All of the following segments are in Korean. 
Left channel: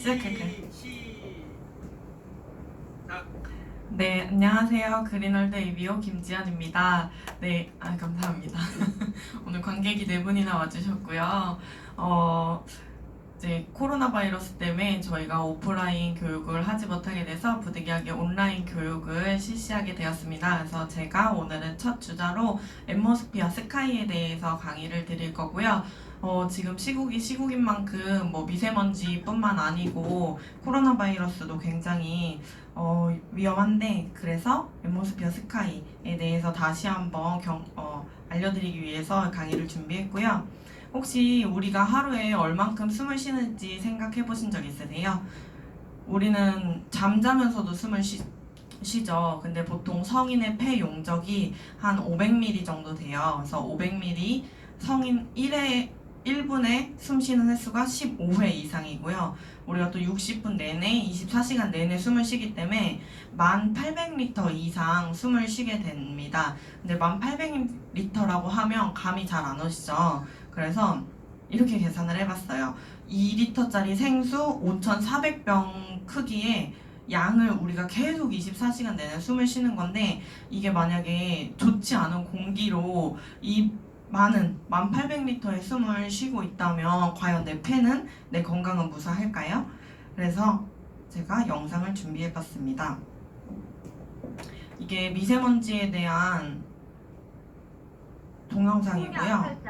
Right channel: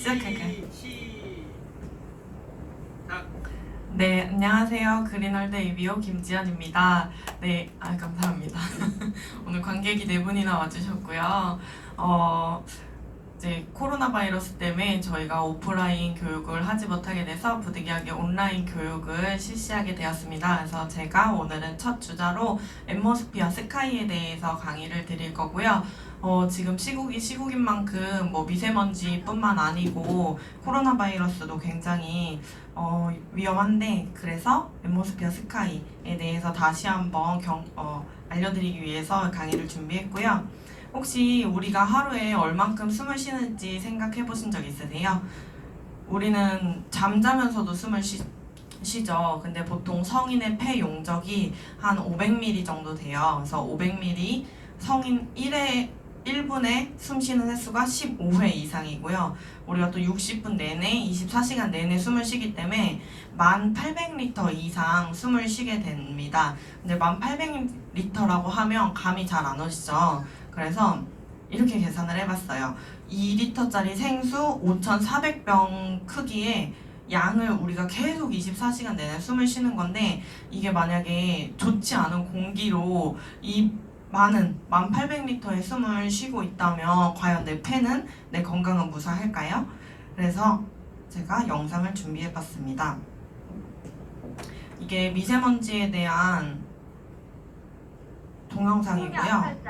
시작할까요? 시작. 네, 안녕하세요. 그린월드 ABO 김지연입니다. 네, 감사합니다. 오늘 관객이 4분이나 와주셨고요. 이제 코로나 바이러스 때문에 저희가 오프라인 교육을 하지 못하게 돼서 부득이하게 온라인 교육을 실시하게 되었습니다. 그래서 제가 오늘은 첫 주자로 앰모스피어 스카이에 대해서 강의를 드릴 거고요. 지금 시국이 시국인 만큼 미세먼지뿐만 아니고 코로나 바이러스도 굉장히 위험한데, 그래서 앰모스피어 스카이에 대해서 다시 한번 알려드리기 위해서 강의를 준비했고요. 혹시 우리가 하루에 얼만큼 숨을 쉬는지 생각해 보신 적 있으세요? 우리는 잠자면서도 숨을 쉬죠. 근데 보통 성인의 폐 용적이 한 500ml 정도 돼요. 그래서 500ml 성인 1분에 숨 쉬는 횟수가 15회 이상이고요. 우리가 또 60분 내내 24시간 내내 숨을 쉬기 때문에 1800리터 이상 숨을 쉬게 됩니다. 근데 1800리터라고 하면 감이 잘 안 오시죠? 그래서 이렇게 계산을 해봤어요. 2리터짜리 생수 5400병 크기의 양을 우리가 계속 24시간 내내 숨을 쉬는 건데, 이게 만약에 좋지 않은 공기로 이 많은 1800리터의 숨을 쉬고 있다면 과연 내 폐는, 내 건강은 무사할까요? 그래서 제가 영상을 준비해봤습니다. 이게 미세먼지에 대한 동영상이고요.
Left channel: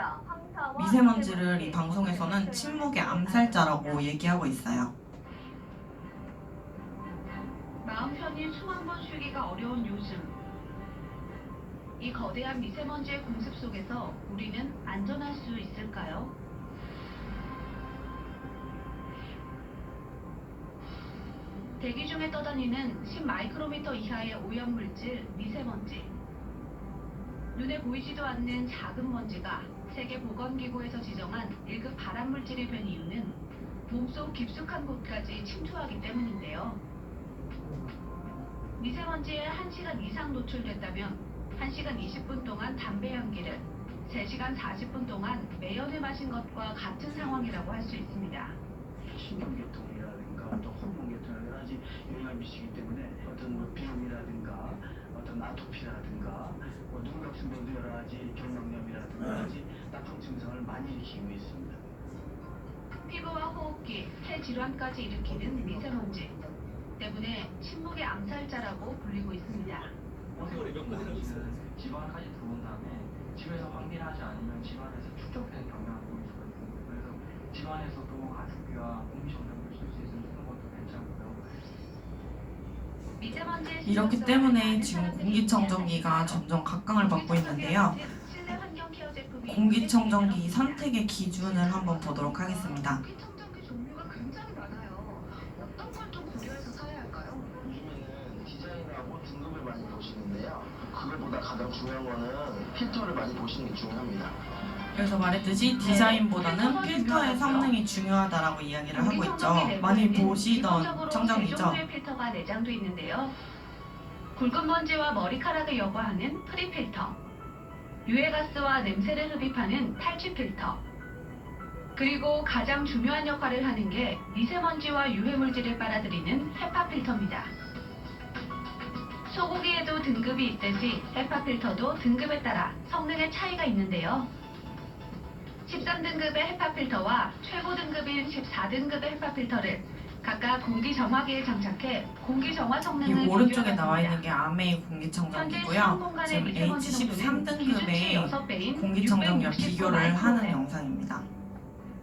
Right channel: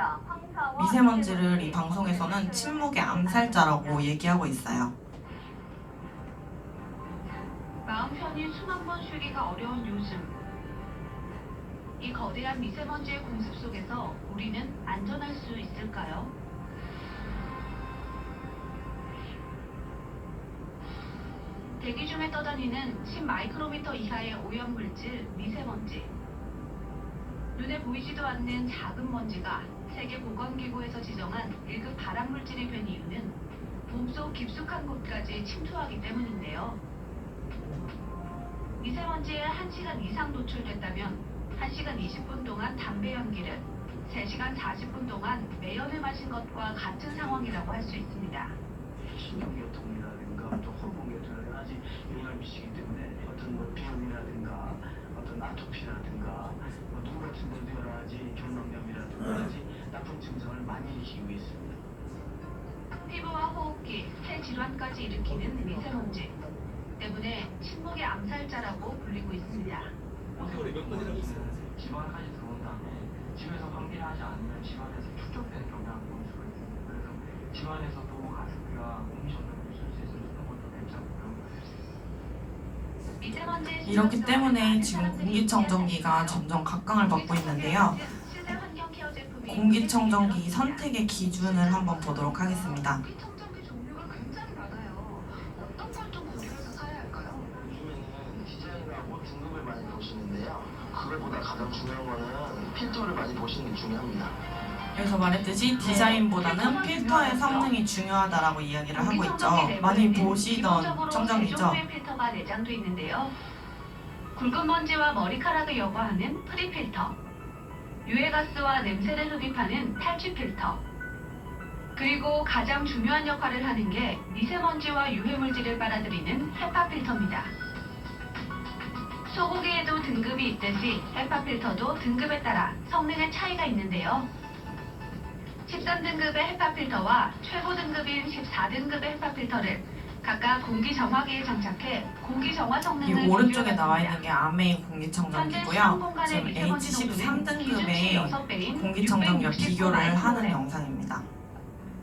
미세먼지를 이 방송에서는 침묵의 암살자라고 얘기하고 있어요. 마음 편히 숨 한 번 쉬기가 어려운 요즘, 이 거대한 미세먼지의 공습 속에서 우리는 안전할 수 있을까요? 대기 중에 떠다니는 10마이크로미터 이하의 오염물질 미세먼지. 눈에 보이지도 않는 작은 먼지가 세계보건기구에서 지정한 1급 발암물질이 된 이유는 몸속 깊숙한 곳까지 침투하기 때문인데요. 미세먼지에 1시간 이상 노출됐다면 1시간 20분 동안 담배 연기를, 3시간 40분 동안 매연을 마신 것과 같은 상황이라고 할 수 있습니다. 신경계통이라든가 어떤 호르몬계통에 여러 가지 영향을 미치기 때문에 어떤 비염이라든가 어떤 아토피라든가 눈 같은 데도 여러 가지 결막염이라든가 여러 가지 나쁜 증상을 많이 일으키고 있습니다. 피부와 호흡기, 폐 질환까지 일으키는 미세먼지 때문에 침묵의 암살자라고 불리고 있습니다. 집안까지 들어온 다음에 집에서 환기를 하지 않으면 집안에서 축적되는 경향이 있거든요. 그래서 집안에서도 가습기와 공기 정돈을 쓸 수 있으면 쓰는 것도 괜찮고요. 이렇기 때문에 지금 공기청정기가 점점 각광을 받고 있는데요. 공기청정기 선택의 기준을 한번 보도록 하겠습니다. 공기청정기 종류가 굉장히 많아요. 어떤 걸 좀 고려해서 사야 할까요? 요즘에는 디자인하고 등급을 많이 보시는데요. 그것보다 가장 중요한 거는 필터를 많이 보시는 게 중요합니다. 여기서 말했듯이 디자인보다는 필터의 성능이 중요하다라고 이야기를 하고 있죠. 많이 보시던 청정기죠. 필터가 내장돼 있는데요. 굵은 먼지와 머리카락을 여과하는 프리필터, 유해가스와 냄새를 흡입하는 탈취 필터, 그리고 가장 중요한 역할을 하는 게 미세먼지와 유해물질을 빨아들이는 헤파 필터입니다. 소고기에도 등급이 있듯이 헤파 필터도 등급에 따라 성능의 차이가 있는데요. 13등급의 헤파 필터와 최고 등급인 14등급의 헤파 필터를 각각 공기 정화기에 장착해 공기 정화 이 성능을 오른쪽에 나와 비교해봤습니다. 있는 게 아메이 공기청정기고요. 지금 H13등급의 공기청정기와 비교를 하는 영상입니다.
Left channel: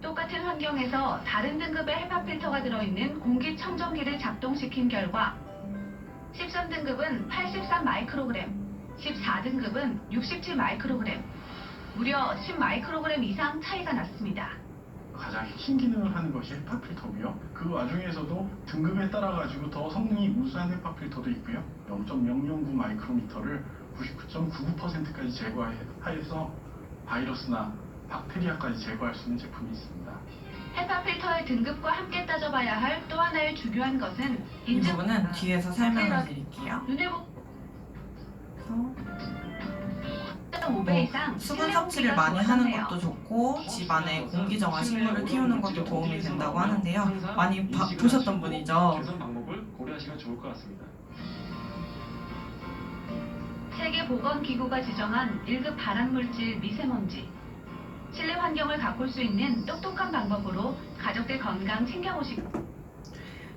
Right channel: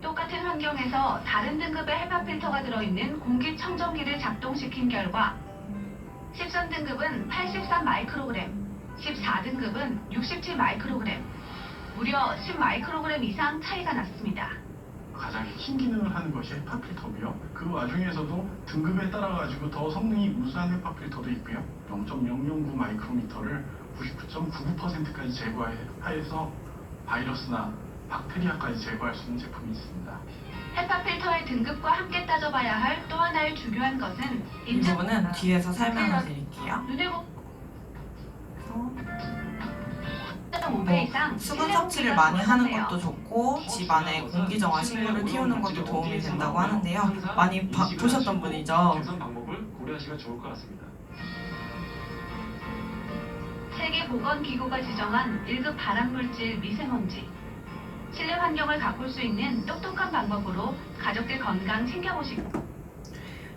똑같은 환경에서 다른 등급의 헤파 필터가 들어있는 공기청정기를 작동시킨 결과 13등급은 83마이크로그램, 14등급은 67마이크로그램, 무려 10마이크로그램 이상 차이가 났습니다. 가장 큰 기능을 하는 것이 헤파 필터고요. 그 와중에서도 등급에 따라 가지고 더 성능이 우수한 헤파 필터도 있고요. 0.009 마이크로미터를 99.99%까지 제거해서 바이러스나 박테리아까지 제거할 수 있는 제품이 있습니다. 헤파 필터의 등급과 함께 따져봐야 할 또 하나의 중요한 것은 이 부분은 뒤에서 설명을 드릴게요. 눈에 1.5배 이상 수분 실내 섭취를 공기가 많이 하는 좋다네요. 것도 좋고 집안에 공기정화 식물을 키우는 것도 도움이 된다고 하는데요. 많이 보셨던 분이죠. 개선 방법을 고려하시면 좋을 것 같습니다. 세계보건기구가 지정한 1급 발암물질 미세먼지. 실내 환경을 가꿀 수 있는 똑똑한 방법으로 가족들 건강 챙겨보시고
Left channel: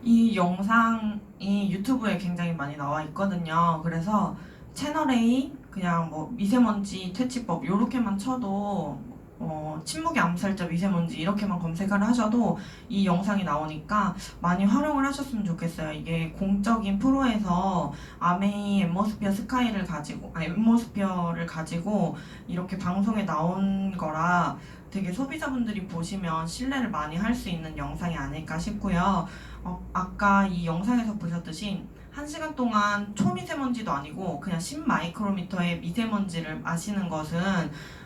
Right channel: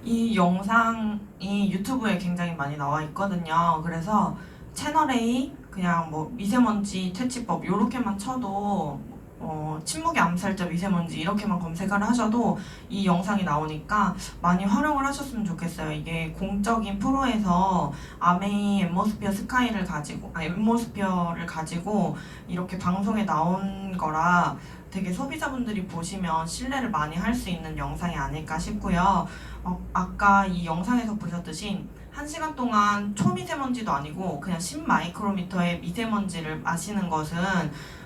이 영상이 유튜브에 굉장히 많이 나와 있거든요. 그래서 채널 A 그냥 뭐 미세먼지 퇴치법 요렇게만 쳐도 침묵의 암살자 미세먼지 이렇게만 검색을 하셔도 이 영상이 나오니까 많이 활용을 하셨으면 좋겠어요. 이게 공적인 프로에서 아메이 앰모스피어 스카이를 가지고 앰모스피어를 가지고 이렇게 방송에 나온 거라 되게 소비자분들이 보시면 신뢰를 많이 할 수 있는 영상이 아닐까 싶고요. 아까 이 영상에서 보셨듯이 1시간 동안 초미세먼지도 아니고 그냥 10마이크로미터의 미세먼지를 마시는 것은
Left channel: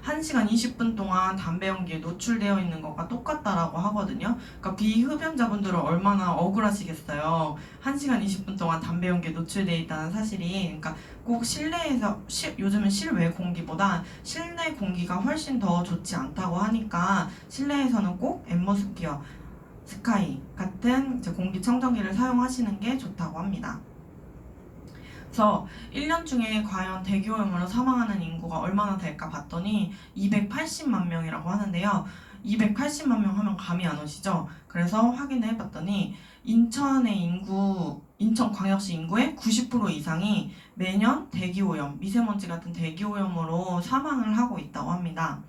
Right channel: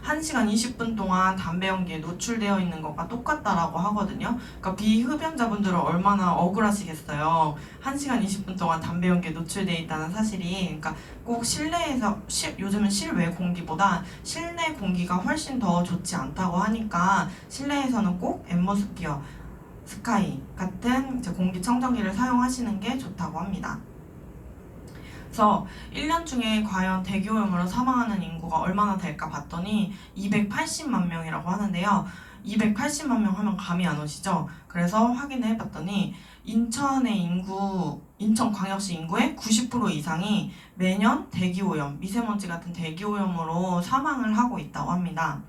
1시간 20분 동안 담배 연기에 노출되어 있는 것과 똑같다라고 하거든요. 그러니까 비흡연자분들은 얼마나 억울하시겠어요. 1시간 20분 동안 담배 연기에 노출되어 있다는 사실이. 그러니까 꼭 실내에서 요즘은 실외 공기보다 실내 공기가 훨씬 더 좋지 않다고 하니까 실내에서는 꼭 앰모스피어 스카이 같은 이제 공기청정기를 사용하시는 게 좋다고 합니다. 그래서 1년 중에 과연 대기오염으로 사망하는 인구가 얼마나 될까 봤더니 280만 명이라고 하는데요. 280만 명 하면 감이 안 오시죠? 그래서 확인을 해봤더니 인천광역시 인구의 90% 이상이 매년 대기오염, 미세먼지 같은 대기오염으로 사망을 하고 있다고 합니다.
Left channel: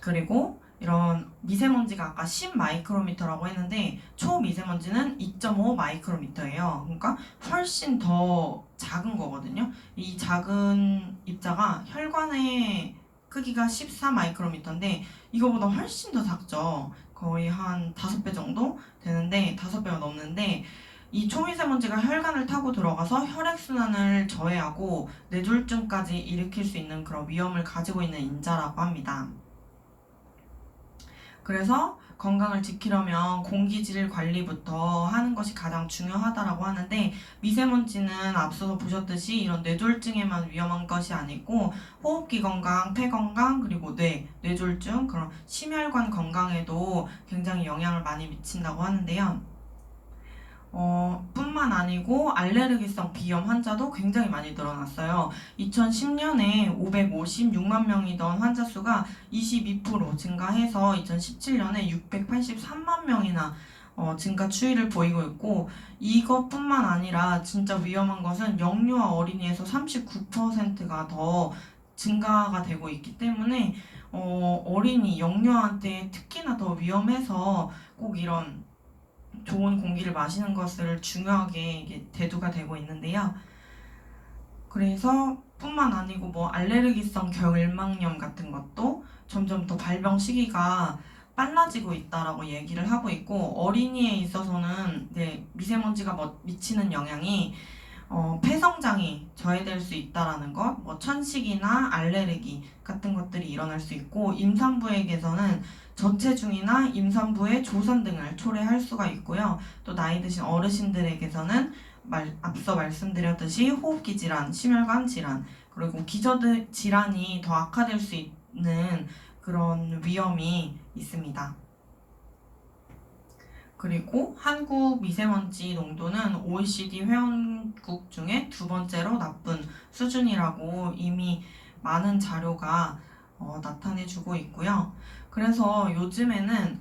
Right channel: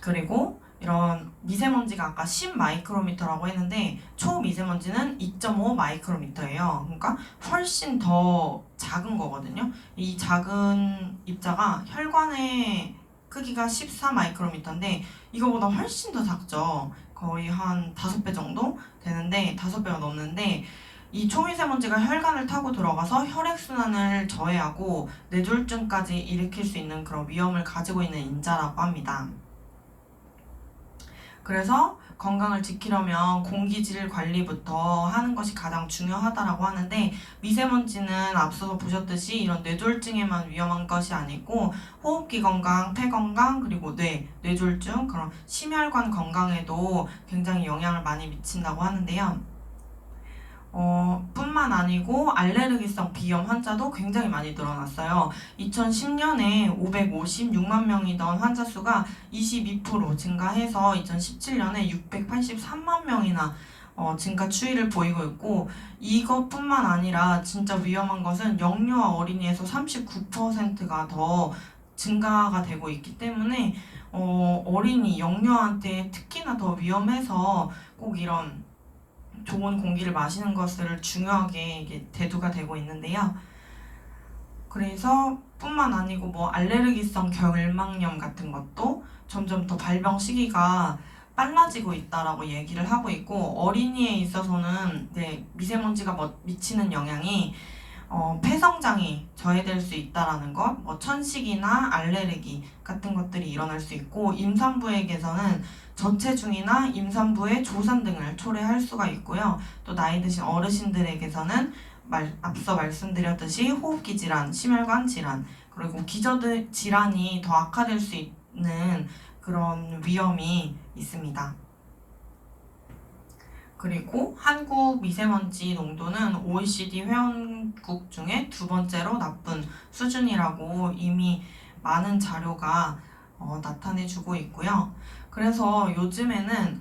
그리고 이런 미세먼지가 아까 10마이크로미터라고 했는데 초미세먼지는 2.5 마이크로미터예요. 그러니까 훨씬 더 작은 거거든요. 이 작은 입자가 혈관의 크기가 14 마이크로미터인데 이거보다 훨씬 더 작죠. 거의 한 5배 정도 되는데 5배가 넘는데 이 초미세먼지가 혈관을 타고 들어가서 혈액순환을 저해하고 뇌졸중까지 일으킬 수 있는 그런 위험을 가지고 있는 인자라고 합니다. 그래서 건강을 지키려면 공기질 관리부터 하는 것이 가장 중요하다라고 하는데 미세먼지는 앞서서 보셨듯이 이런 뇌졸중에만 위험한 것이 아니고 호흡기 건강, 폐 건강, 그리고 뇌졸중, 그런 심혈관 건강에도 굉장히 영향을 많이 미친다고 하는데요. 뿐만 아니고 알레르기성 비염 환자도 굉장히 많이 늘어났어요. 2010년에 556만 명이던 환자 수가 22% 증가해서 2017년에 683만 명이나 증가 추이를 보이고 있고 이것뿐만 아니라 진짜 위험한 것은 영유아 어린이에서 39%가 더 증가가 되고 있기 때문에 어린이, 영유아한테 특히나 더 위험해서 꼭 이런 좋은 공기를 마시는 것을 중요하게 이게 대두가 되고 있는데요. 그래서 뿐만 아니고 뭐 알레르기성 결막염 같은 것도 점점 더 발병 시기가 빨라지고 있다라고 얘기를 하고 있고 어린이에 있어서는 미세먼지가 미치는 영향이 폐성장이 저해될 수 있다라는 것, 뭐 천식이나 알레르기 같은 것들이 일어날 수 있고 임산부에게서는 저체중이나 임산부의 조산 등을 초래할 수가 있고요. 또 나이 드신 어르신들에게서는 앞서 말씀드렸듯이 호흡기 질환, 심혈관 질환, 그리고 기저 질환이 더 악화될 수 있는 그런 위험이 있습니다. 그리고 한국 미세먼지 농도는 OECD 회원국 중에 2번째로 나쁜 수준이라고 이미 많은 자료가 나타내주고 있고요. 그래서 요즘에는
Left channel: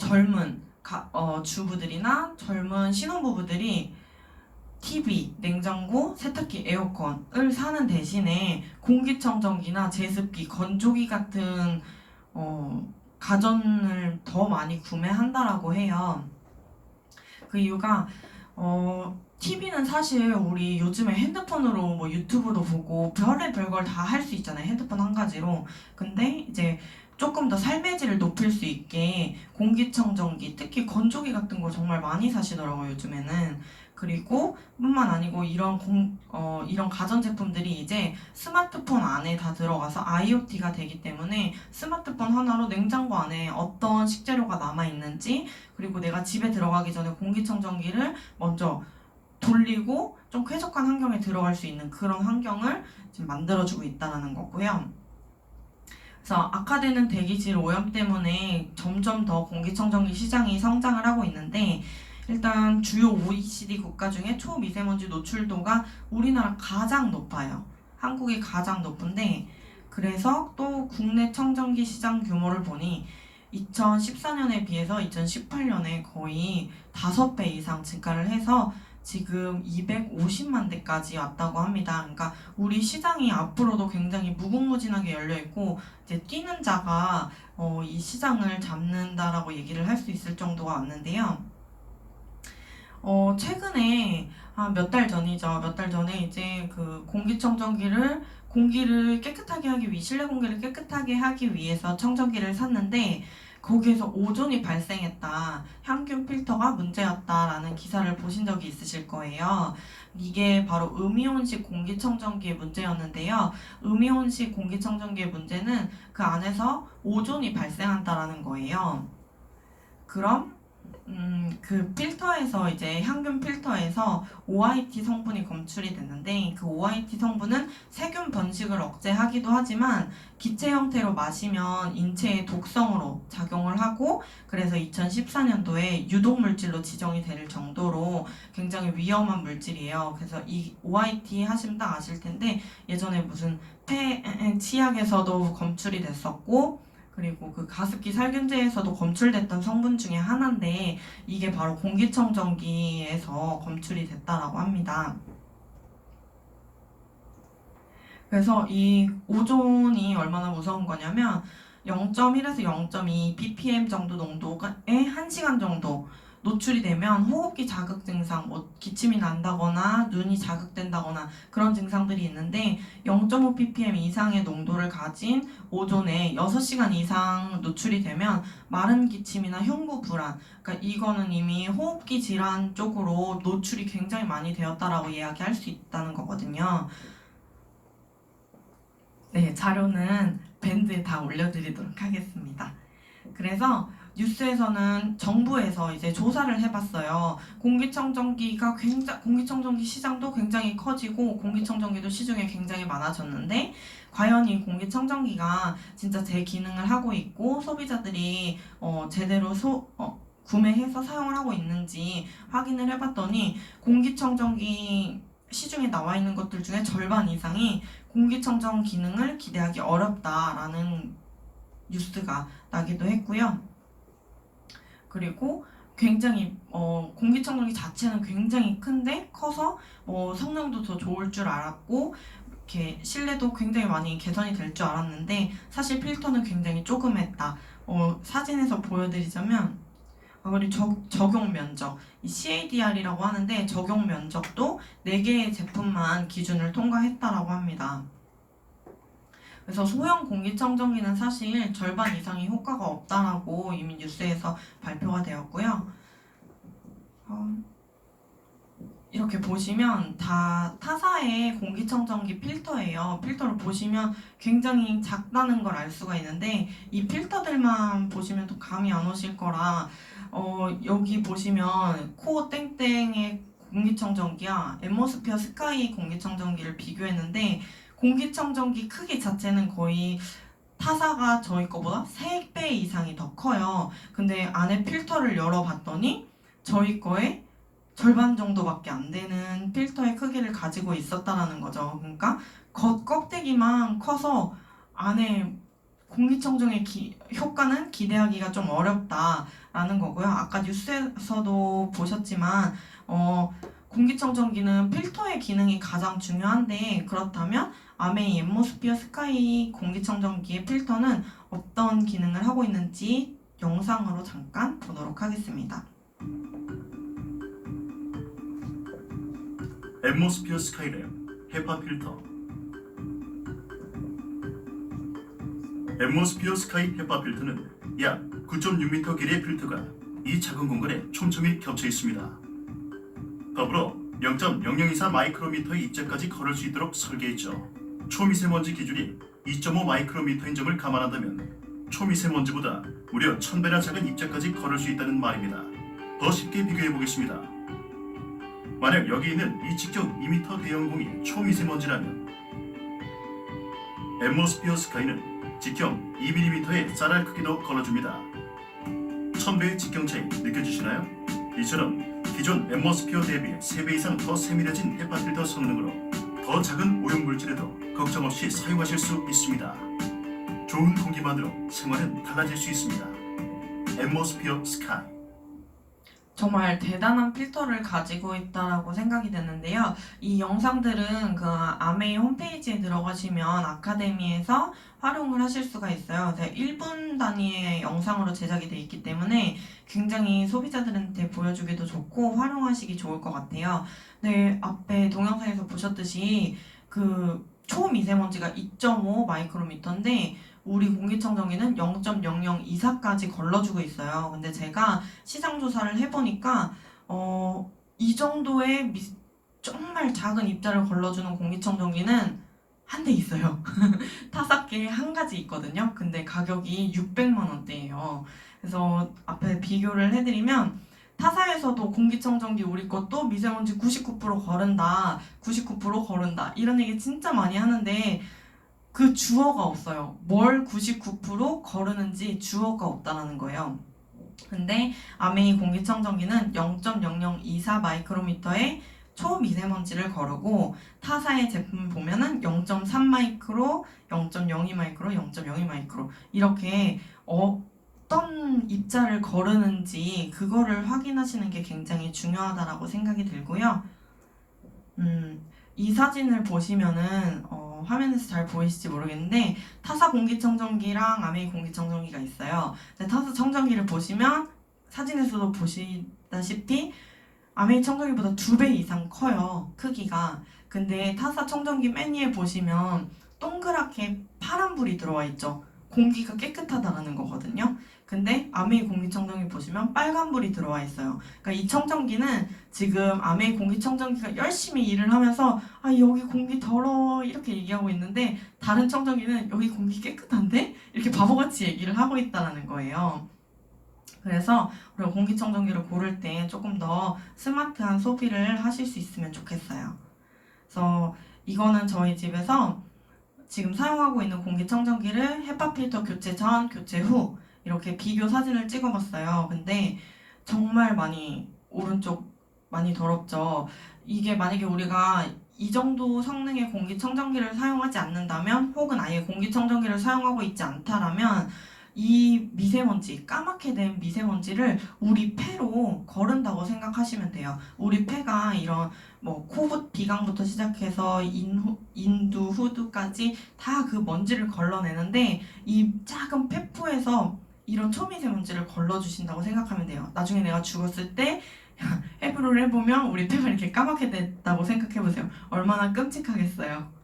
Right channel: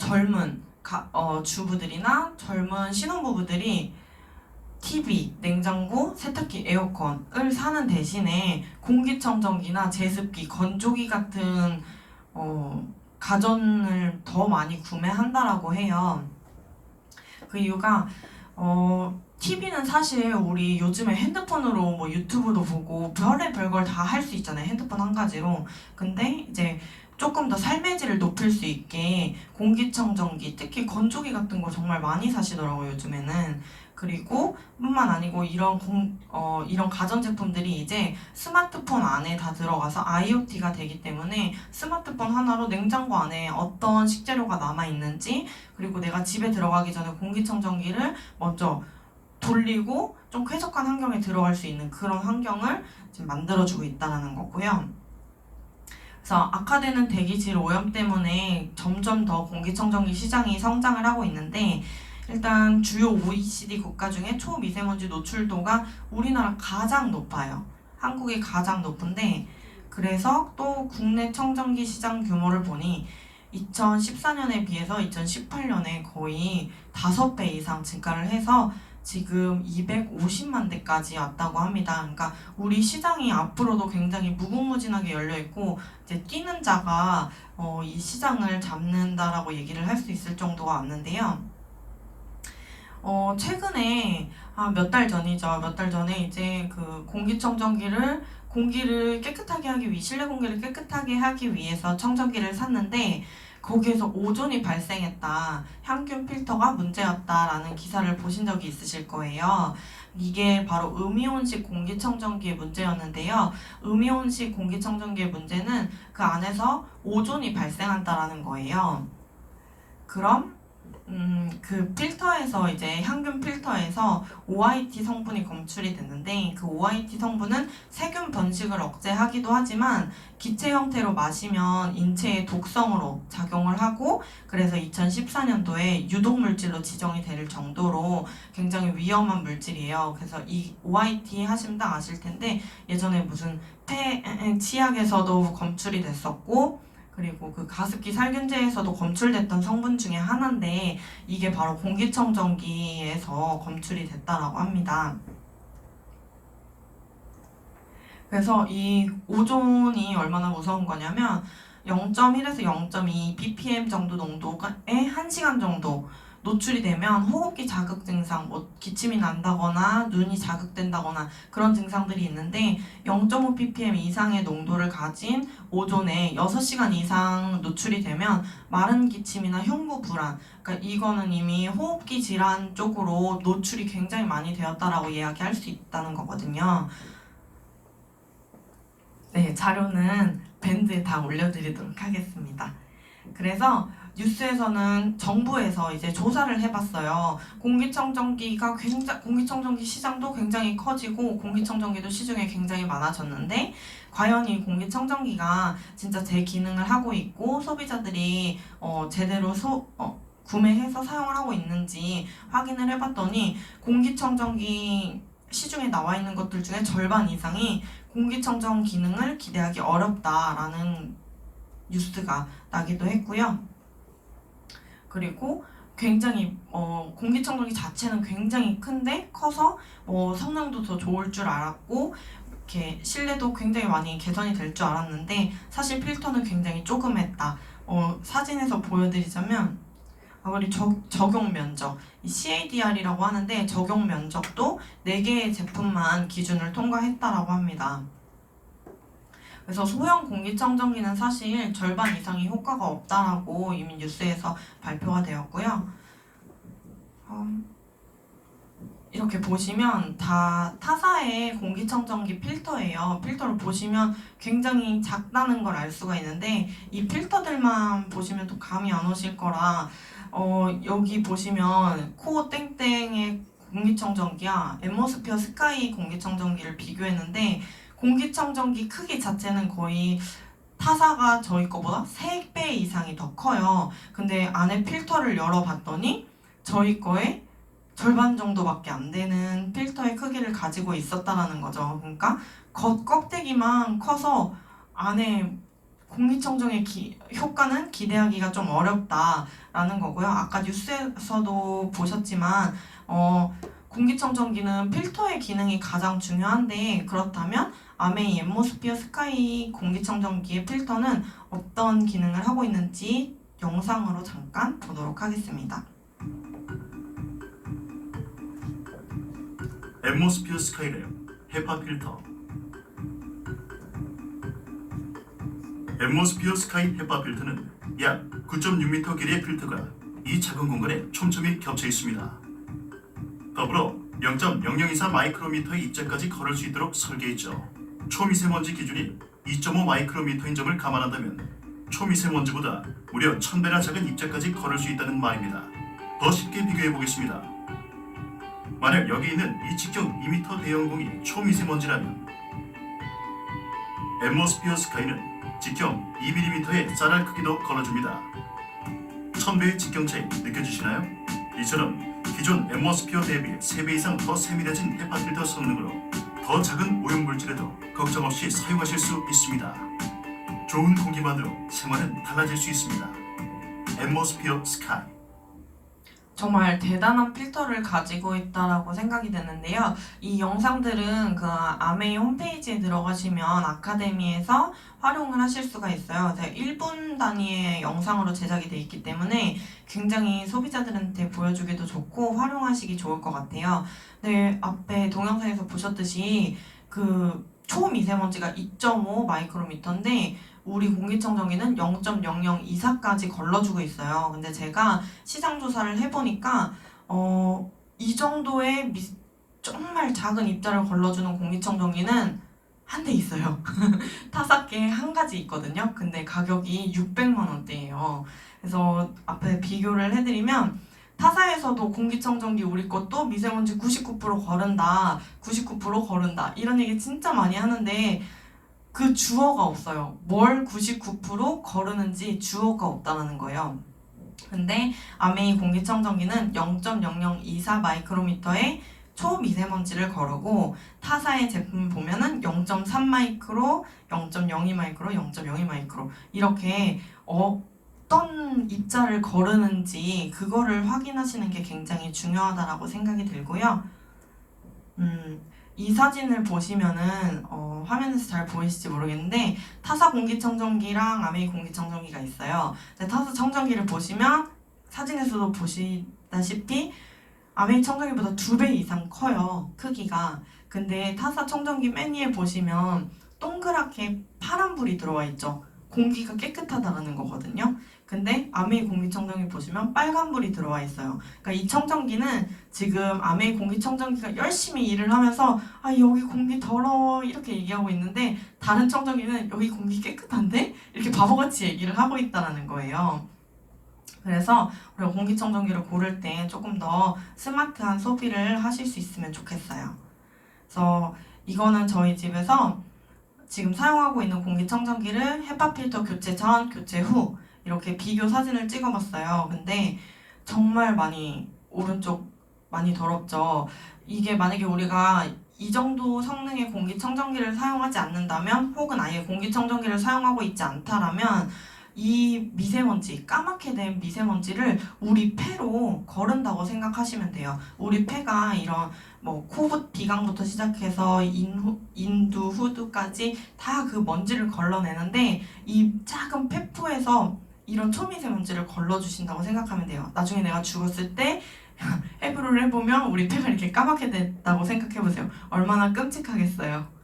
젊은 주부들이나 젊은 신혼부부들이 TV, 냉장고, 세탁기, 에어컨을 사는 대신에 공기청정기나 제습기, 건조기 같은 가전을 더 많이 구매한다라고 해요. 그 이유가 TV는 사실 우리 요즘에 핸드폰으로 뭐 유튜브도 보고 별걸 다 할 수 있잖아요. 핸드폰 한 가지로. 근데 이제 조금 더 삶의 질을 높일 수 있게 공기청정기, 특히 건조기 같은 거 정말 많이 사시더라고요, 요즘에는. 그리고 뿐만 아니고 이런 가전제품들이 이제 스마트폰 안에 다 들어가서 IoT가 되기 때문에 스마트폰 하나로 냉장고 안에 어떤 식재료가 남아있는지, 그리고 내가 집에 들어가기 전에 공기청정기를 먼저 돌리고 좀 쾌적한 환경에 들어갈 수 있는 그런 환경을 지금 만들어주고 있다는 거고요. 그래서 악화되는 대기질 오염 때문에 점점 더 공기청정기 시장이 성장을 하고 있는데, 일단 주요 OECD 국가 중에 초미세먼지 노출도가 우리나라 가장 높아요. 한국이 가장 높은데, 그래서 또 국내 청정기 시장 규모를 보니 2014년에 비해서 2018년에 거의 5배 이상 증가를 해서 지금 250만 대까지 왔다고 합니다. 그러니까 우리 시장이 앞으로도 굉장히 무궁무진하게 열려 있고, 이제 뛰는 자가 이 시장을 잡는다라고 얘기를 할 수 있을 정도가 왔는데요. 최근에 몇 달 전이죠. 몇 달 전에 이제 그 공기를 깨끗하게 하기 위해, 실내 공기를 깨끗하게 하기 위해서 청정기를 샀는데, 거기에서 오존이 발생했다, 향균 필터가 문제였다라는 기사를 보신 적이 있으실 거예요. 이게 바로 음이온식 공기청정기의 문제였는데요. 음이온식 공기청정기의 문제는 그 안에서 오존이 발생한다라는 거예요. 그럼 그 필터에서, 이제 향균 필터에서 OIT 성분이 검출이 됐는데, 그 OIT 성분은 세균 번식을 억제하기도 하지만 기체 형태로 마시면 인체에 독성으로 작용을 하고, 그래서 2014년도에 유독물질로 지정이 될 정도로 굉장히 위험한 물질이에요. 그래서 이 OIT 하시면 다 아실 텐데, 예전에 무슨 치약에서도 검출이 됐었고, 그리고 그 가습기 살균제에서도 검출됐던 성분 중에 하나인데, 이게 바로 공기청정기에서 검출이 됐다라고 합니다. 그래서 이 오존이 얼마나 무서운 거냐면 0.1에서 0.2 ppm 정도 농도에 1시간 정도 노출이 되면 호흡기 자극 증상, 뭐 기침이 난다거나 눈이 자극된다거나 그런 증상들이 있는데, 0.5 ppm 이상의 농도를 가진 오존에 6시간 이상 노출이 되면 마른 기침이나 흉부 불안, 그러니까 이거는 이미 호흡기 질환 쪽으로 노출이 굉장히 많이 되었다라고 이야기할 수 있다는 거거든요. 네, 자료는 밴드에 다 올려드리도록 하겠습니다. 그래서 뉴스에서는 정부에서 이제 조사를 해봤어요. 공기청정기 시장도 굉장히 커지고 공기청정기도 시중에 굉장히 많아졌는데, 과연 이 공기청정기가 진짜 제 기능을 하고 있고 소비자들이 제대로 구매해서 사용을 하고 있는지 확인을 해봤더니, 공기청정기 시중에 나와 있는 것들 중에 절반 이상이 공기청정 기능을 기대하기 어렵다라는 뉴스가 나기도 했고요. 그리고 굉장히 공기청정기 자체는 굉장히 큰데 커서 성능도 더 좋을 줄 알았고, 이렇게 실내도 굉장히 많이 개선이 될 줄 알았는데, 사실 필터는 굉장히 조그맸다. 사진에서 보여드리자면, 우리 적용 면적, 이 CADR이라고 하는데 적용 면적도 4개의 제품만 기준을 통과했다라고 합니다. 그래서 소형 공기청정기는 사실 절반 이상이 효과가 없다라고 이미 뉴스에서 발표가 되었고요. 이렇게 보시면 다 타사의 공기청정기 필터예요. 필터를 보시면 굉장히 작다는 걸 알 수가 있는데, 이 필터들만 보시면 또 감이 안 오실 거라, 여기 보시면 코어 땡땡의 공기청정기와 앰모스피어 스카이 공기청정기를 비교했는데, 공기청정기 크기 자체는 거의 타사가 저희 거보다 3배 이상이 더 커요. 근데 안에 필터를 열어봤더니 저희 거의 절반 정도밖에 안 되는 필터의 크기를 가지고 있었다라는 거죠. 그러니까 겉 껍데기만 커서 안에 공기청정의 효과는 기대하기가 좀 어렵다라는 거고요. 아까 뉴스에서도 보셨지만 공기청정기는 필터의 기능이 가장 중요한데, 그렇다면 아메이 앰모스피어 스카이 공기청정기의 필터는 어떤 기능을 하고 있는지 영상으로 잠깐 보도록 하겠습니다. 앰모스피어 스카이랩 헤파 필터. 앰모스피어 스카이 헤파 필터는 약 9.6m 길이의 필터가 이 작은 공간에 촘촘히 겹쳐 있습니다. 더불어 0.004 마이크로미터의 입자까지 걸을 수 있도록 설계했죠. 초미세먼지 기준이 2.5 마이크로미터인 점을 감안한다면 초미세먼지보다 무려 1000배나 작은 입자까지 걸을 수 있다는 말입니다. 더 쉽게 비교해 보겠습니다. 만약 여기 있는 이 직경 2m 대형공이 초미세먼지라면 앰모스피어 스카이는 직경 2mm의 쌀알 크기도 걸러줍니다. 1000배의 직경 차이 느껴지시나요? 이처럼 기존 앰모스피어 대비 3배 이상 더 세밀해진 헤파 필터 성능으로 더 작은 오염물질에도 걱정 없이 사용하실 수 있습니다. 좋은 공기만으로 생활은 달라질 수 있습니다. 앰모스피어 스카이. 정말 대단한 필터를 가지고 있다라고 생각이 드는데요. 이 영상들은 그 아메이 홈페이지에 들어가시면 아카데미에서 활용을 하실 수가 있어요. 1분 단위의 영상으로 제작이 되어 있기 때문에 굉장히 소비자들한테 보여주기도 좋고 활용하시기 좋을 것 같아요. 네, 앞에 동영상에서 보셨듯이 그 초미세먼지가 2.5 마이크로미터인데 우리 공기청정기는 0.0024까지 걸러주고 있어요. 근데 제가 시장 조사를 해보니까 이 정도의 정말 작은 입자를 걸러주는 공기청정기는 한 대 있어요. 타사께 한 가지 있거든요. 근데 가격이 600만 원대예요. 그래서 앞에 비교를 해드리면 타사에서도 공기청정기 우리 것도 미세먼지 99% 거른다, 99% 거른다 이런 얘기 진짜 많이 하는데 그 주어가 없어요. 뭘 99% 거르는지 주어가 없다는 거예요. 근데 아메이 공기청정기는 0.0024 마이크로미터의 초미세먼지를 거르고 타사의 제품 보면은 0.3 마이크로, 0.02 마이크로, 0.02 마이크로 이렇게 어떤 입자를 거르는지 그거를 확인하시는 게 굉장히 중요하다라고 생각이 들고요. 이 사진을 보시면은 화면에서 잘 보이실지 모르겠는데 타사 공기청정기랑 아메이 공기청정기가 있어요. 타사 청정기를 보시면 사진에서도 보시다시피 아메이 청정기보다 2배 이상 커요, 크기가. 근데 타사 청정기 맨 위에 보시면 동그랗게 파란불이 들어와 있죠. 공기가 깨끗하다는 거거든요. 근데 아메이 공기청정기 보시면 빨간불이 들어와 있어요. 그러니까 이 청정기는 지금 아메이 공기청정기가 열심히 일을 하면서 아 여기 공기 더러워 이렇게 얘기하고 있는데 다른 청정기는 여기 공기 깨끗한데? 이렇게 바보같이 얘기를 하고 있다는 거예요. 그래서 우리가 공기청정기를 고를 때 조금 더 스마트한 소비를 하실 수 있으면 좋겠어요. 그래서 이거는 저희 집에서 지금 사용하고 있는 공기청정기를 헤파 필터 교체 전, 교체 후 이렇게 비교 사진을 찍어봤어요. 근데 정말 많이 오른쪽 많이 더럽죠. 이게 만약에 우리가 이 정도 성능의 공기청정기를 사용하지 않는다면 혹은 아예 공기청정기를 사용하고 있지 않다라면 이 미세먼지, 까맣게 된 미세먼지를 우리 폐로 거른다고 생각하시면 돼요. 우리 폐가 이런 코, 비강부터 시작해서 인두, 후두까지 다 그 먼지를 걸러내는데 이 작은 폐부에서 이런 초미세먼지를 걸러주신다고 생각하면 돼요. 나중에 내가 죽었을 때 해부를 해보면 우리 폐가 이렇게 까맣게 됐다고 생각해보세요. 얼마나 끔찍하겠어요.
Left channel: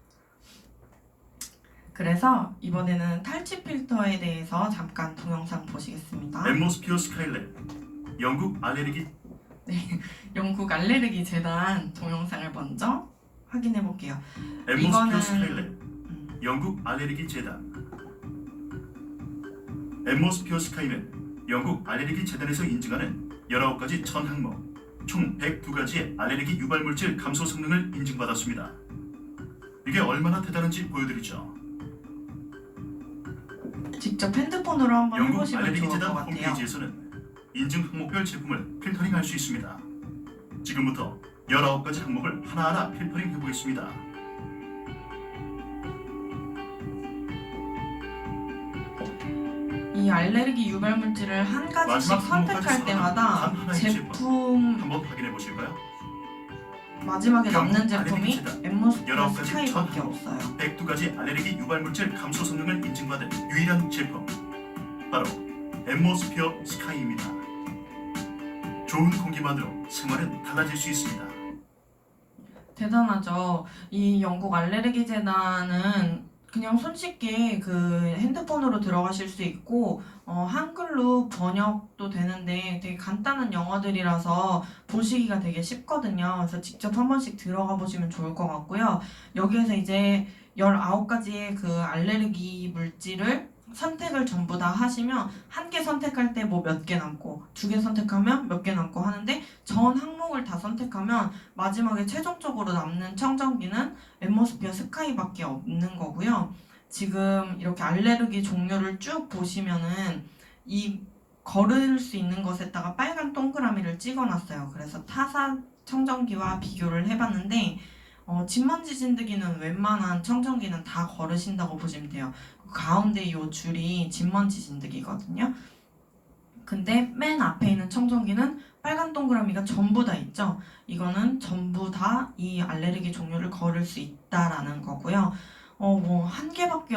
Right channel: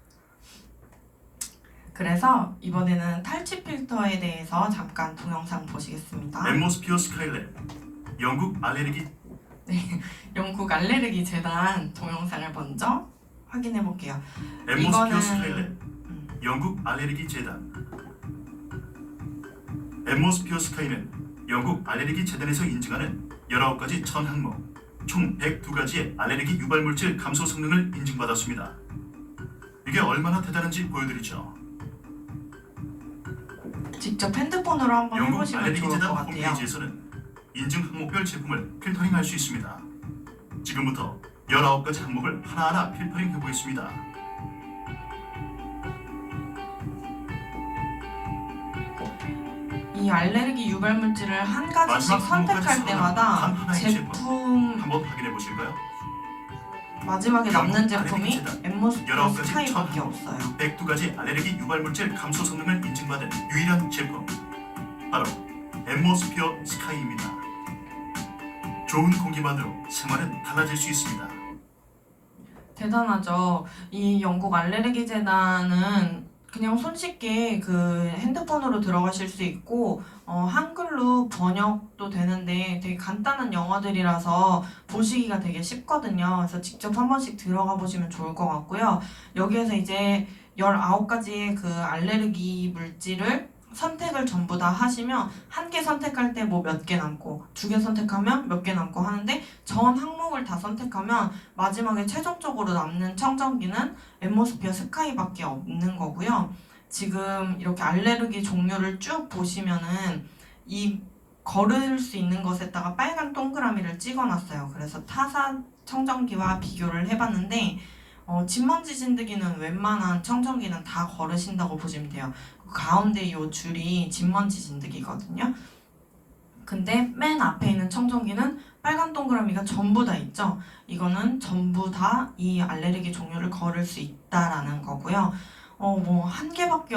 그래서 이번에는 탈취 필터에 대해서 잠깐 동영상 보시겠습니다. 앰모스피어 스카이랩 영국 알레르기 영국 알레르기 재단 동영상을 먼저 확인해 볼게요. 앰모스피어 스카이랩 영국 알레르기 재단. 앰모스피어 스카이는 영국 알레르기 재단에서 인증하는 19가지 천 항목 총 102가지의 알레르기 유발물질 감소 성능을 인증받았습니다. 이게 얼마나 대단한지 보여드리죠. 직접 핸드폰으로 한번 영국 해보시면 알레르기 좋을 것 재단 같아요. 홈페이지에서는 인증 항목별 제품을 필터링할 수 있습니다. 지금부터 19가지 항목을 하나하나 필터링하고 있습니다. 이 알레르기 유발물질을 한 가지씩 선택할 때마다 제품 한번 확인해 보실까요? 마지막에 남는 제품이 알레르기 앰모스피어 19가지 스카이밖에 천 없어요. 102가지 알레르기 유발물질 감소 성능을 인증받은 유일한 제품 바로 앰모스피어 스카이입니다. 좋은 공기만으로 생활은 달라질 수 있습니다. 대단하죠. 이 영국 알레르기 재단은 그냥 손쉽게 그 핸드폰으로 들어가실 수 있고 한글로 번역도 되는데 되게 간단한 영어들이라서 보시기가 되게 쉽거든요. 그래서 직접 한 번씩 들어가 보시면 좋을 것 같고요. 여기에서 이제 19가지의 그 알레르기 물질을 선택을 전부 다 하시면 한 개 선택할 때 뭐 몇 개 남고 2개 선택하면 몇 개 남고 하는데 전 항목을 다 선택하면 마지막에 최종적으로 남는 청정기는 앰모스피어 스카이밖에 없는 거고요. 지금 이렇게 알레르기 종류를 쭉 보시면은 이 걸을 수 있는 것에다가 빨간 동그라미를 찍어놨어요. 그래서 타사 청정기와 비교를 해봤는데 진먼지 진드기는 웬만한 청정기는 다 걸으신다고 보시면 돼요. 가운데 이 줄이 진먼지 진드기거든요. 근데 맨 앞에 있는 청정기는 빨간 동그라미가 전부 다 있죠. 이거는 전부 다 이 알레르기 종류를 걸을 수 있다라는 거고요. 뭐 한 개밖에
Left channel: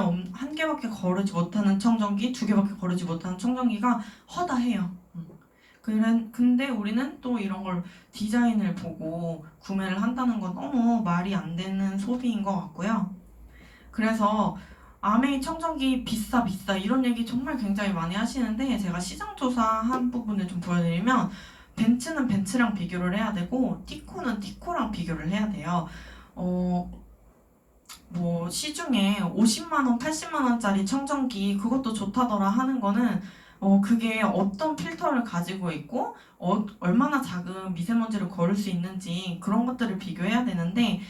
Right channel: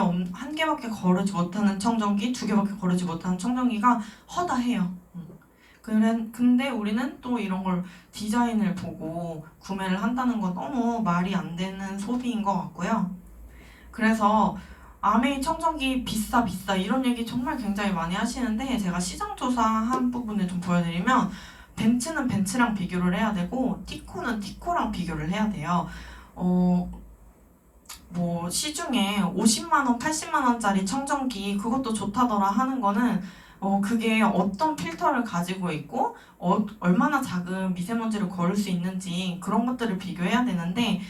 거르지 못하는 청정기, 2개밖에 거르지 못하는 청정기가 허다해요. 근데 우리는 또 이런 걸 디자인을 보고 구매를 한다는 건 너무 말이 안 되는 소비인 것 같고요. 그래서 아메이 청정기 비싸 이런 얘기 정말 굉장히 많이 하시는데 제가 시장 조사한 부분을 좀 보여드리면 벤츠는 벤츠랑 비교를 해야 되고 티코는 티코랑 비교를 해야 돼요. 뭐 시중에 50만원, 80만원짜리 청정기 그것도 좋다더라 하는 거는 그게 어떤 필터를 가지고 있고 얼마나 작은 미세먼지를 걸을 수 있는지 그런 것들을 비교해야 되는데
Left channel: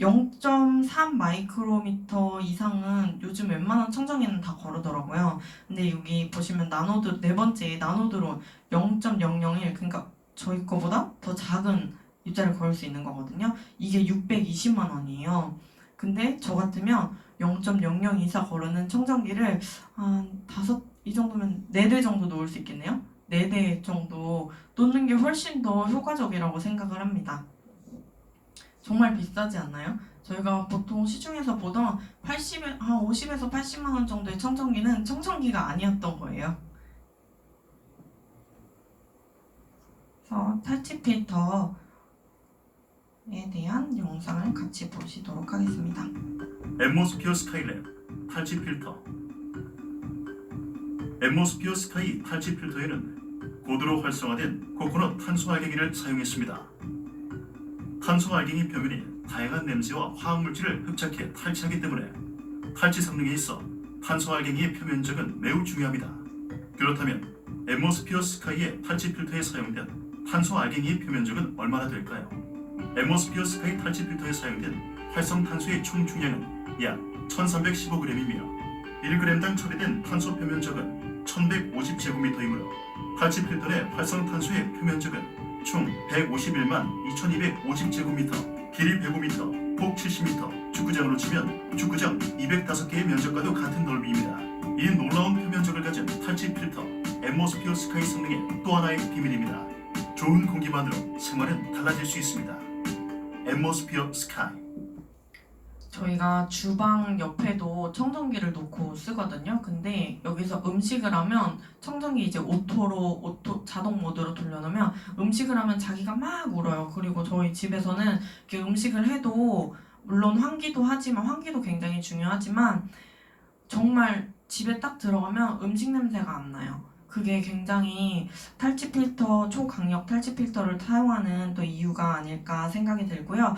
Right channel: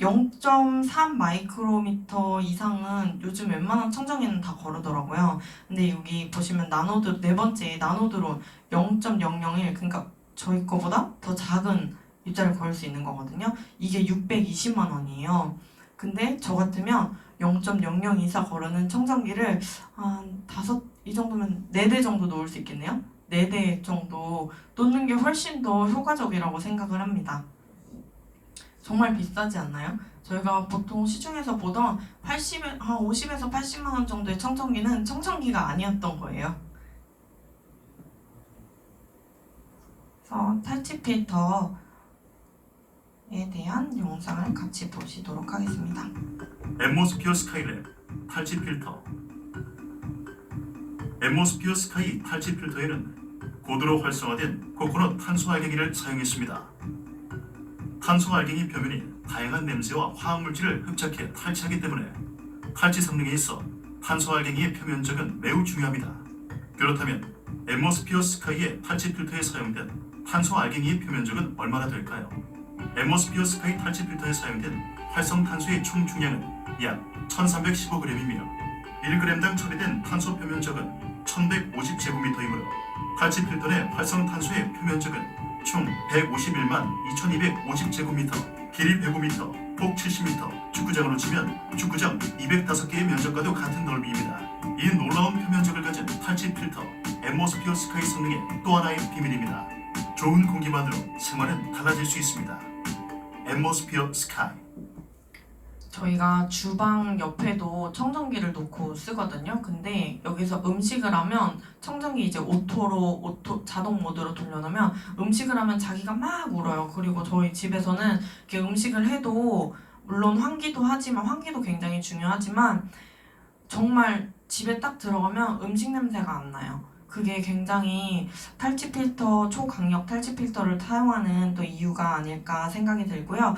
0.3 마이크로미터 이상은 요즘 웬만한 청정기는 다 거르더라고요. 근데 여기 보시면 나노드 네 번째 나노드로 0.001 그러니까 저희 거보다 더 작은 입자를 걸을 수 있는 거거든요. 이게 620만 원이에요. 근데 저 같으면 0.002사 거르는 청정기를 한 5, 이 정도면 4대 정도 놓을 수 있겠네요. 4대 정도 놓는 게 훨씬 더 효과적이라고 생각을 합니다. 정말 비싸지 않나요? 저희가 보통 시중에서 보던 50에서 80만 원 정도의 청정기는 청정기가 아니었던 거예요. 그래서 탈취 필터에 대한 영상을 같이 보시도록 하겠습니다. 앰모스피어 스카이랩 탈취 필터. 앰모스피어 스카이 탈취 필터에는 고도로 활성화된 코코넛 탄소 알갱이를 사용했습니다. 탄소 알갱이 표면이 다양한 냄새와 화학물질을 흡착해 탈취하기 때문에 탈취 성능에 있어 탄소 알갱이의 표면적은 매우 중요합니다. 그렇다면 앰모스피어 스카이의 탈취 필터에 사용된 탄소 알갱이의 표면적은 얼마나 될까요? 앰모스피어 스카이 탈취 필터에 사용된 활성 탄소의 총 중량은 약 1315g이며 1g당 처리된 탄소 표면적은 1150제곱미터이므로 탈취 필터 내 활성 탄소의 표면적은 총 151만 2250제곱미터, 길이 105m, 폭 70m, 축구장으로 치면 축구장 205개의 면적과도 같은 넓이입니다. 이 놀라운 표면적을 가진 탈취 필터, 앰모스피어 스카이 성능의 또 하나의 비밀입니다. 좋은 공기만으로 생활은 달라질 수 있습니다. 앰모스피어 스카이. 저희가 주방 옆에도 청정기를 놓고 쓰거든요. 근데 여기서 음식을 하면 청정기 이제 자동 모드로 돌려놓으면 음식을 하면 자기가 막 울어요. 그리고 저희 집에서는 이렇게 음식을 해도 물론 환기도 하지만 환기도 굉장히 중요하지만 정말 집에 딱 들어가면 음식 냄새가 안 나요. 그게 굉장히 탈취 필터, 초강력 탈취 필터를 사용하는 또 이유가 아닐까 생각이 들고요.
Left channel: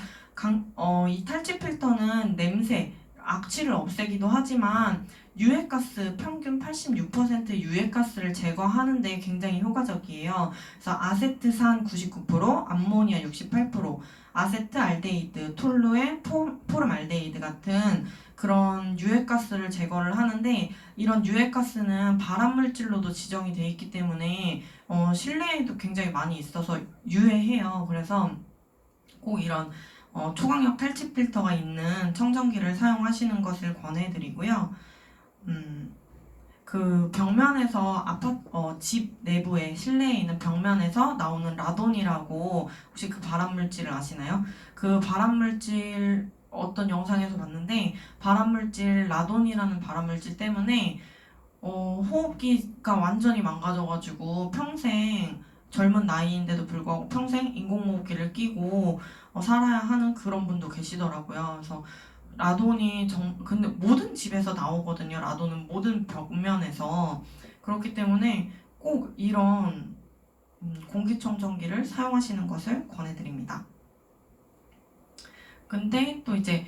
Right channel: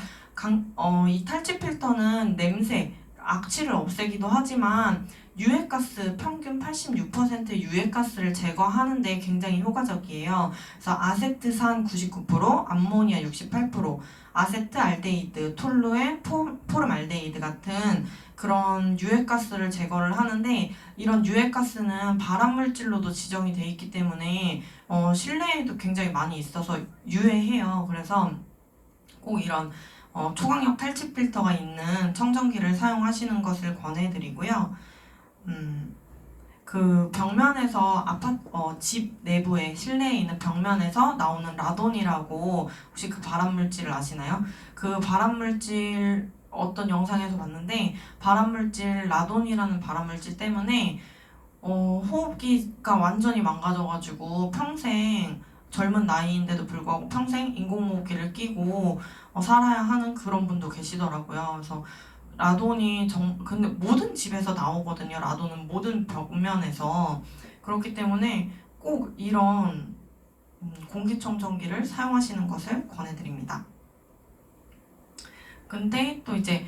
이 탈취 필터는 냄새, 악취를 없애기도 하지만 유해가스, 평균 86% 유해가스를 제거하는 데 굉장히 효과적이에요. 그래서 아세트산 99%, 암모니아 68%, 아세트알데히드, 톨루에 포름알데히드 같은 그런 유해가스를 제거를 하는데 이런 유해가스는 발암물질로도 지정이 되어 있기 때문에 실내에도 굉장히 많이 있어서 유해해요. 그래서 꼭 이런 초강력 탈취 필터가 있는 청정기를 사용하시는 것을 권해드리고요. 그 벽면에서 집 내부에 실내에 있는 벽면에서 나오는 라돈이라고 혹시 그 발암물질을 아시나요? 그 발암물질 어떤 영상에서 봤는데 발암물질 라돈이라는 발암물질 때문에 호흡기가 완전히 망가져가지고 평생 젊은 나이인데도 불구하고 평생 인공호흡기를 끼고 살아야 하는 그런 분도 계시더라고요. 그래서 라돈이 근데 모든 집에서 나오거든요. 라돈은 모든 벽면에서. 그렇기 때문에 꼭 이런 공기청정기를 사용하시는 것을 권해드립니다. 근데 또 이제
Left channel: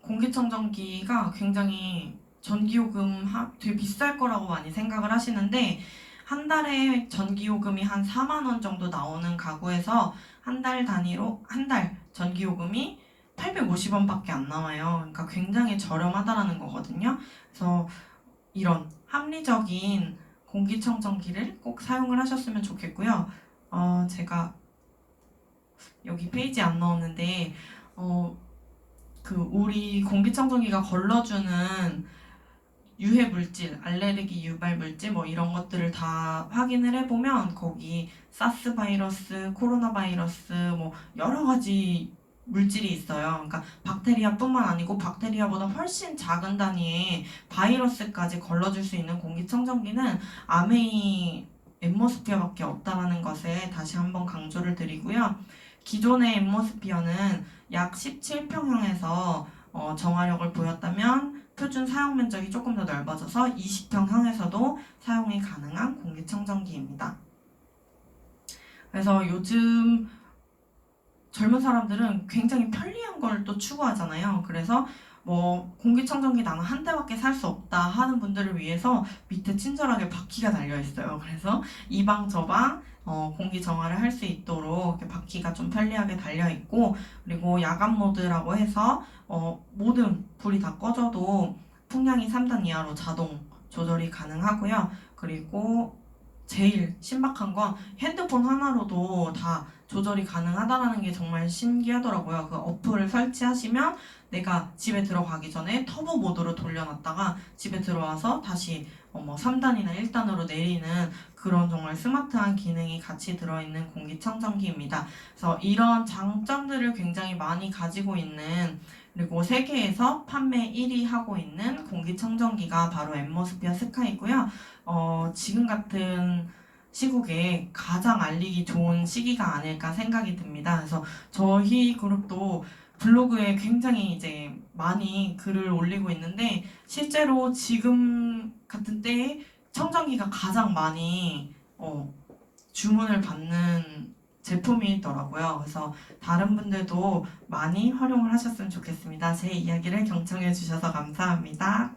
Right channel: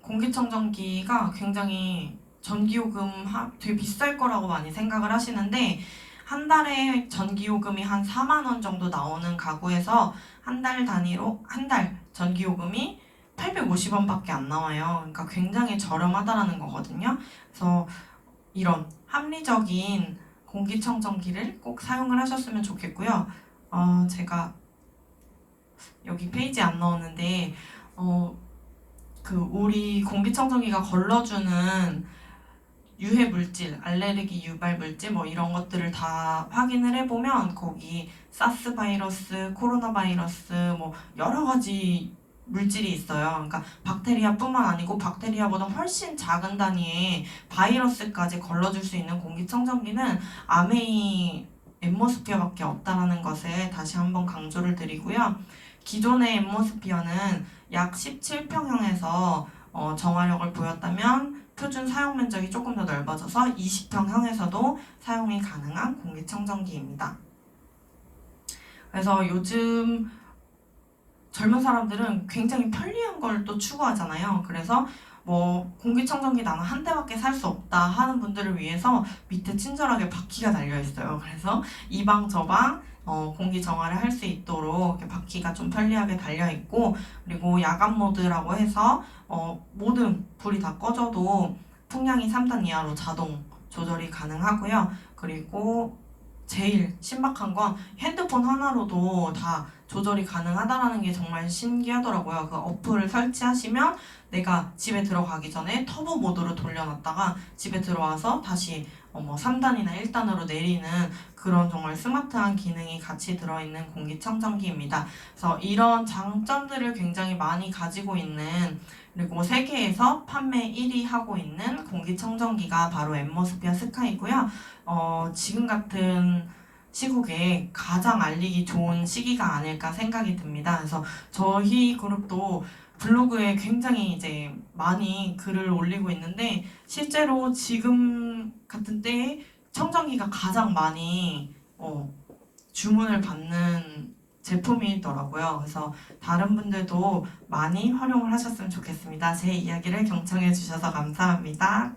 공기청정기가 굉장히 전기요금 되게 비쌀 거라고 많이 생각을 하시는데 한 달에 전기요금이 한 4만 원 정도 나오는 가구에서 한 달 단위로 한 달 전기요금이 850원밖에 안 나와요. 그러니까 굉장히 저렴하다라는 거거든요. 그래서 이런 합리적인 공기청정기를 꼭 사용을 하셨으면 좋겠고요. 제가 여기 페이지 안 나오는데 그 우리 공기청정기가 걸러주는 유해 물질, 알레르기 유발 물질 뭐 이런 것들을 다 확인을 해보면 거기 사스 바이러스, 코로나 바이러스 뭐 여러 가지 물질이 있어요. 그러니까 박테리아뿐만 아니고 박테리아보다 훨씬 작은 단위의 바이러스까지 걸러줄 수 있는 공기청정기는 아메이 앰모스피어밖에 없다라는 것을 다시 한번 강조를 드리고요. 기존의 앰모스피어는 약 17평형에서 정화력을 보였다면 표준 사용 면적이 조금 더 넓어져서 20평형에서도 사용이 가능한 공기청정기입니다. 그래서 요즘 젊은 사람들은 굉장히 편리한 걸 또 추구하잖아요. 그래서 뭐 공기청정기 나는 한 대밖에 살 수 없다 하는 분들을 위해서 밑에 친절하게 바퀴가 달려 있어요. 그래서 이 방 저 방 공기 정화를 할 수 있도록 이렇게 바퀴가 좀 편리하게 달려 있고, 그리고 야간 모드라고 해서 모든 불이 다 꺼져도 풍량이 3단 이하로 자동 조절이 가능하고요. 그리고 제일 신박한 건 핸드폰 하나로도 다 조절이 가능하다는 게 정말 신기하더라고요. 그 어플을 설치하시면 내가 집에 들어가기 전에 터보 모드로 돌려놨다가 집에 들어와서 다시 3단이나 1단으로 내리는 그런 정말 스마트한 기능이 같이 들어있는 공기청정기입니다. 그래서 이런 장점들을 굉장히 많이 가지고 있는, 그리고 세계에서 판매 1위 하고 있는 공기청정기가 바로 앰모스피어 스카이고요. 지금 같은 시국에 가장 알리기 좋은 시기가 아닐까 생각이 듭니다. 그래서 저희 그룹도 블로그에 굉장히 이제 많이 글을 올리고 있는데 실제로 지금 같은 때에 청정기가 가장 많이 주문을 받는 제품이더라고요. 그래서 다른 분들도 많이 활용을 하셨으면 좋겠습니다. 제 이야기를 경청해 주셔서 감사합니다.